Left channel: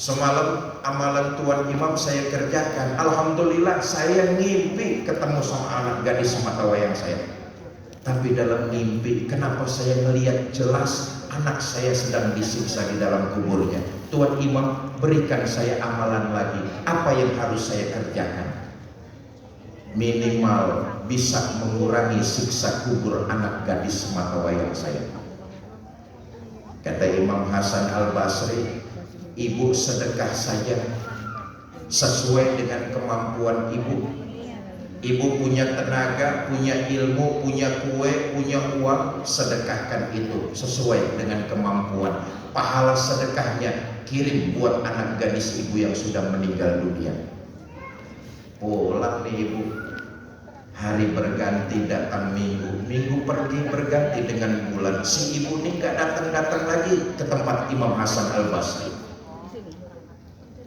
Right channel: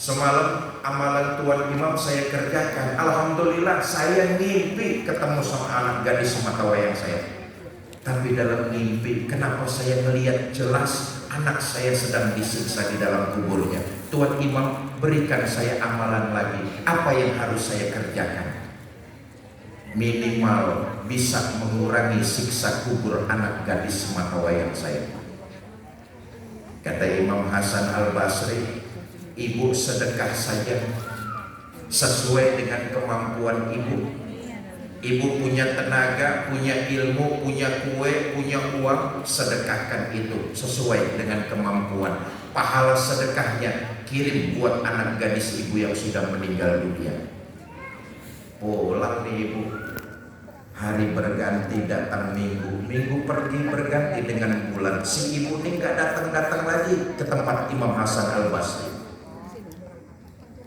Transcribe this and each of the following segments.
Semalam amalan Tuan Imam saya kerjakan. Alhamdulillah saya ngimpi ketemu sama anak gadis mata wayang saya. Tapi dalam mimpi, kenapa saya melihat jelas anak saya sedang disiksa di dalam kuburnya. Tuan Imam, berikan saya amalan lagi. Apa yang harus saya kerjakan? Minimal bisa mengurangi siksa kubur anak gadis mata wayang saya. Kata Imam Hasan Al-Basri, ibu sedekah saja sesuai dengan kemampuan ibu. Ibu punya tenaga, punya ilmu, punya kue, punya uang, sedekahkan itu sesuai dengan kemampuan. Pahala sedekahnya kirim buat anak gadis ibu yang sudah meninggal dunia. Pulang nih ibu, hari berganti datang minggu, minggu pergi berganti dengan bulan. Si ibu ini gak datang-datang lagi ke tempat Imam Hasan Al-Basri.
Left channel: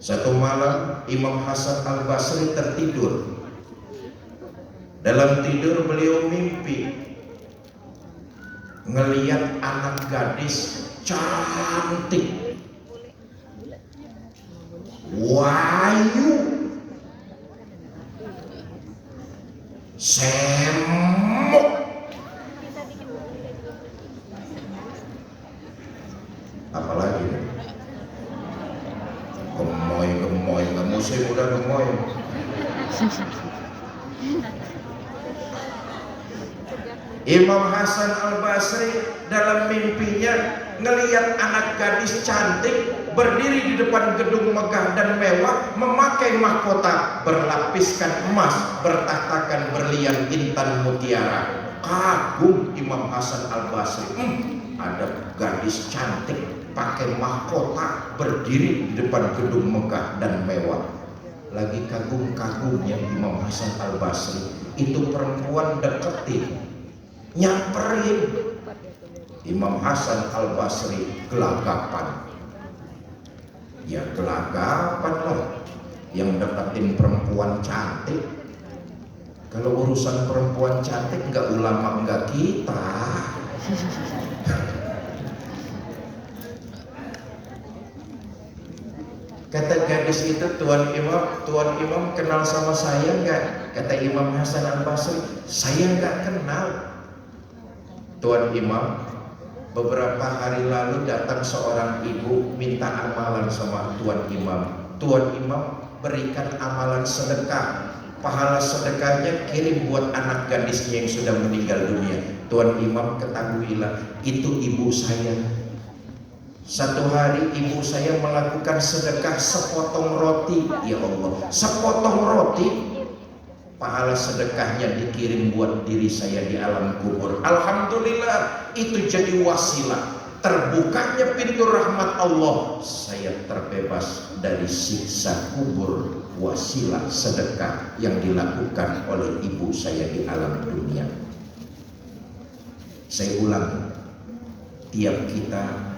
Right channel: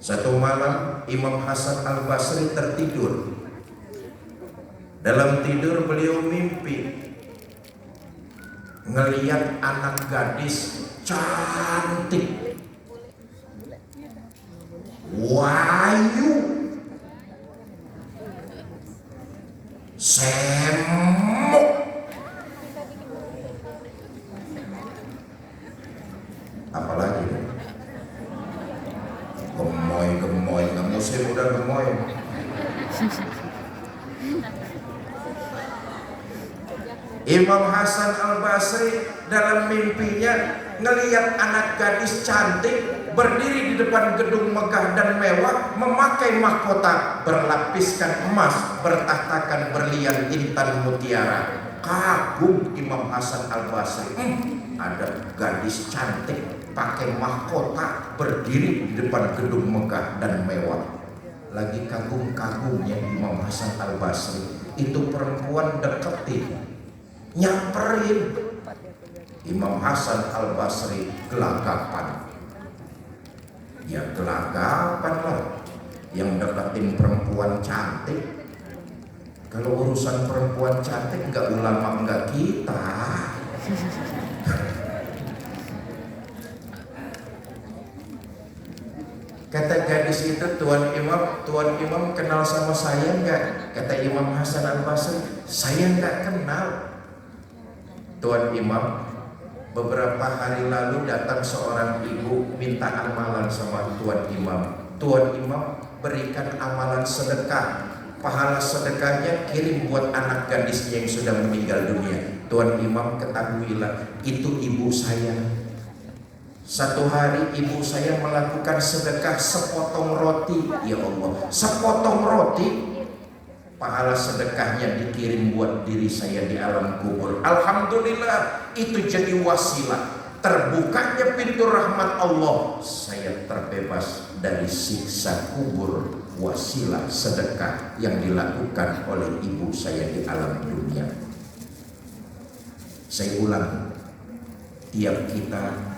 Satu malam Imam Hasan Al-Basri tertidur. Dalam tidur beliau mimpi ngelihat anak gadis cantik, wayu, semok, apalagi gemoy, kamu sih udah gemoy. Imam Hasan Al-Basri dalam mimpinya ngelihat anak gadis cantik berdiri di depan gedung megah dan mewah, memakai mahkota berlapiskan emas, bertahtakan berlian intan mutiara. Kagum Imam Hasan Al-Basri, ada gadis cantik pakai mahkota berdiri di depan gedung megah dan mewah. Lagi kagum-kagumnya Imam Hasan Al-Basri, itu perempuan deketin, nyamperin. Imam Hasan Al-Basri gelagapan. Ya gelagapan lah, yang deketin perempuan cantik. Kalau urusan perempuan cantik enggak ulama enggak kita. Kata gadis itu, Tuan Imam kenal sama saya enggak? Kata Imam Hasan Al-Basri, saya enggak kenal. Tuan Imam, beberapa hari lalu datang seorang ibu minta amalan sama Tuan Imam. Tuan Imam berikan amalan sedekah. Pahala sedekahnya kirim buat anak gadisnya yang sudah meninggal dunia. Tuan Imam, ketahuilah, itu ibu saya. Satu hari ibu saya melakukan sedekah sepotong roti. Ya Allah, sepotong roti, pahala sedekahnya dikirim buat diri saya di alam kubur. Alhamdulillah, itu jadi wasilah terbukanya pintu rahmat Allah. Saya terbebas dari siksa kubur, wasilah sedekah yang dilakukan oleh ibu saya di alam dunia. Saya ulang, tiap kita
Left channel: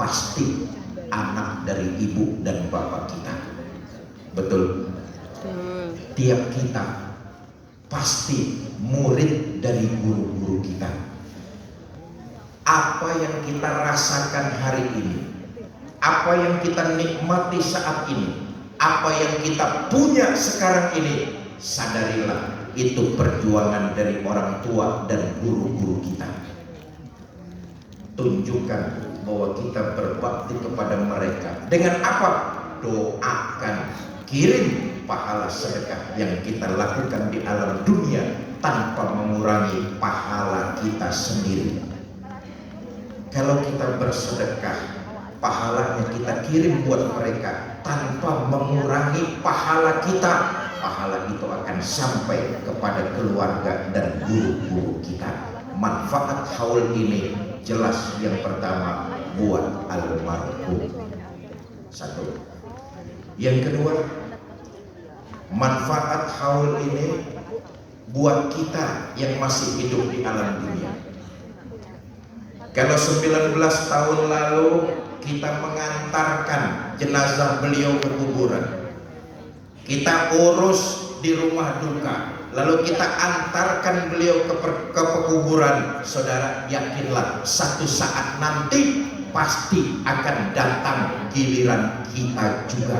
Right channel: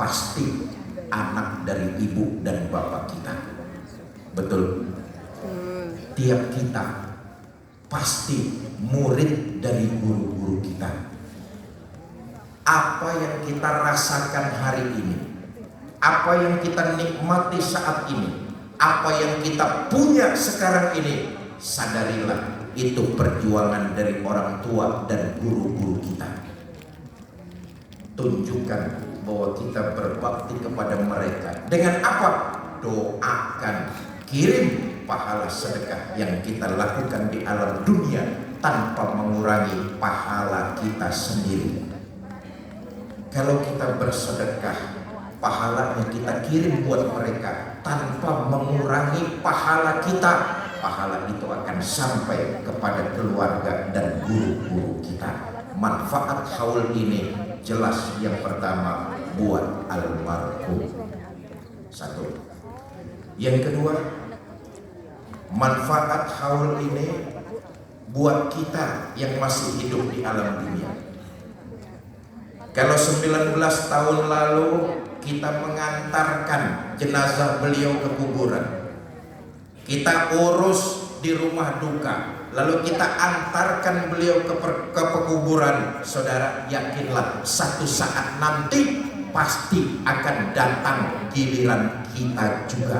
pasti anak dari ibu dan bapak kita. Betul? Tiap kita pasti murid dari guru-guru kita. Apa yang kita rasakan hari ini, apa yang kita nikmati saat ini, apa yang kita punya sekarang ini, sadarilah itu perjuangan dari orang tua dan guru-guru kita. Tunjukkan bahwa kita berbakti kepada mereka. Dengan apa? Doakan, kirim pahala sedekah yang kita lakukan di alam dunia tanpa mengurangi pahala kita sendiri. Kalau kita bersedekah, pahalanya kita kirim buat mereka tanpa mengurangi pahala kita. Pahala itu akan sampai kepada keluarga dan guru-guru kita. Manfaat haul ini jelas. Yang pertama, buat almarhum. Satu. Yang kedua, manfaat haul ini buat kita yang masih hidup di alam dunia. Kalau 19 tahun lalu kita mengantarkan jenazah beliau ke kuburan, kita urus di rumah duka, lalu kita antarkan beliau ke pekuburan, saudara yakinlah satu saat nanti pasti akan datang giliran kita juga